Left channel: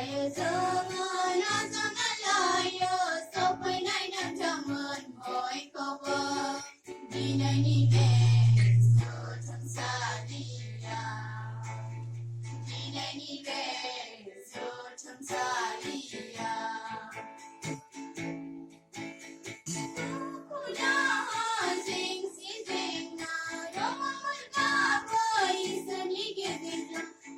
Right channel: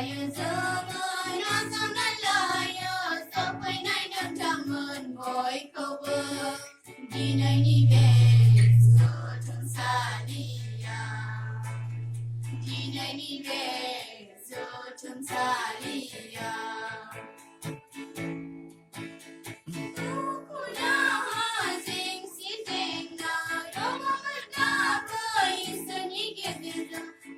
Boraya zaman zaman laya sampai naik dan taman boy cover di naik bes sotong salia di naik bes sotong salia.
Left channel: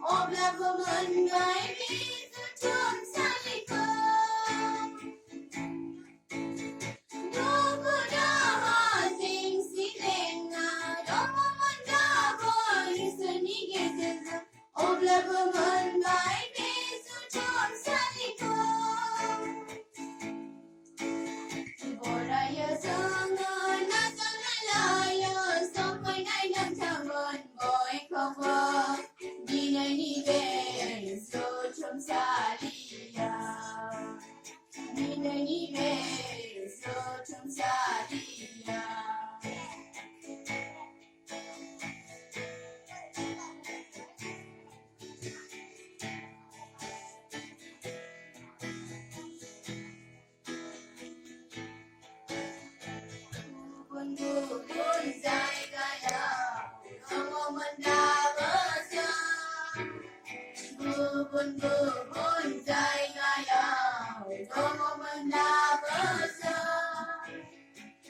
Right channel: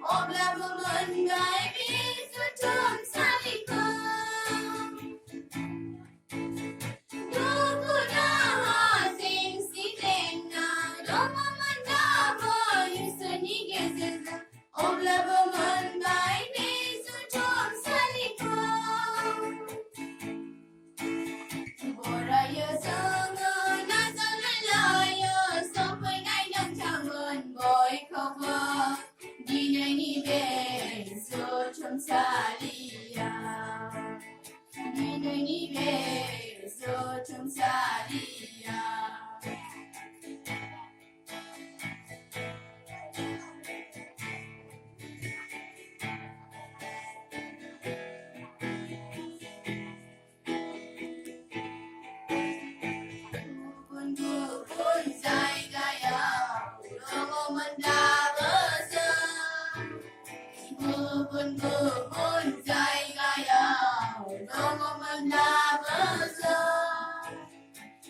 Obla bermengai bisu tum salikom Dugu dah sing si denga Doma manda bisu ni gezeza Obla bermengai bisu tum salikom Boraya sangat nasal laya sampai naik dan tangan boy cover Dinai ni beso cum salia Dinai ni beso cum salia Bubun zai gaya Ulango mendapat Bubun zai gaya Dongo mendapat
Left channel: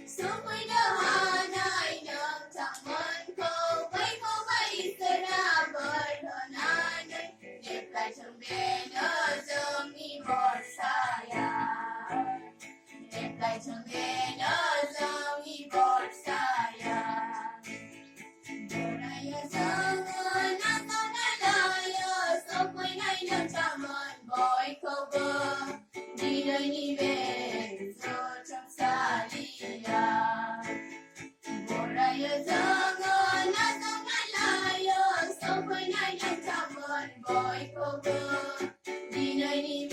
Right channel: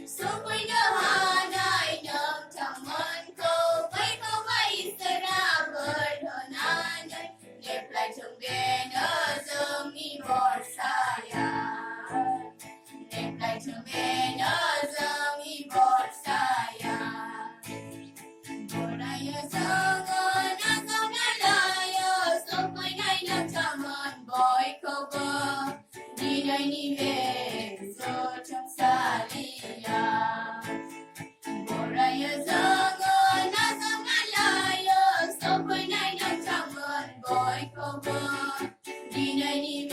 Sampai dah naik dan taman kau baik serah berdonan Neplai cembena zemi bor saya Neplai cembena zemi bor saya Boraya sangat nasal laya sampai naik dan taman boy cover di naik beso cum salia Boraya sangat nasal laya sampai naik dan taman boy cover di naik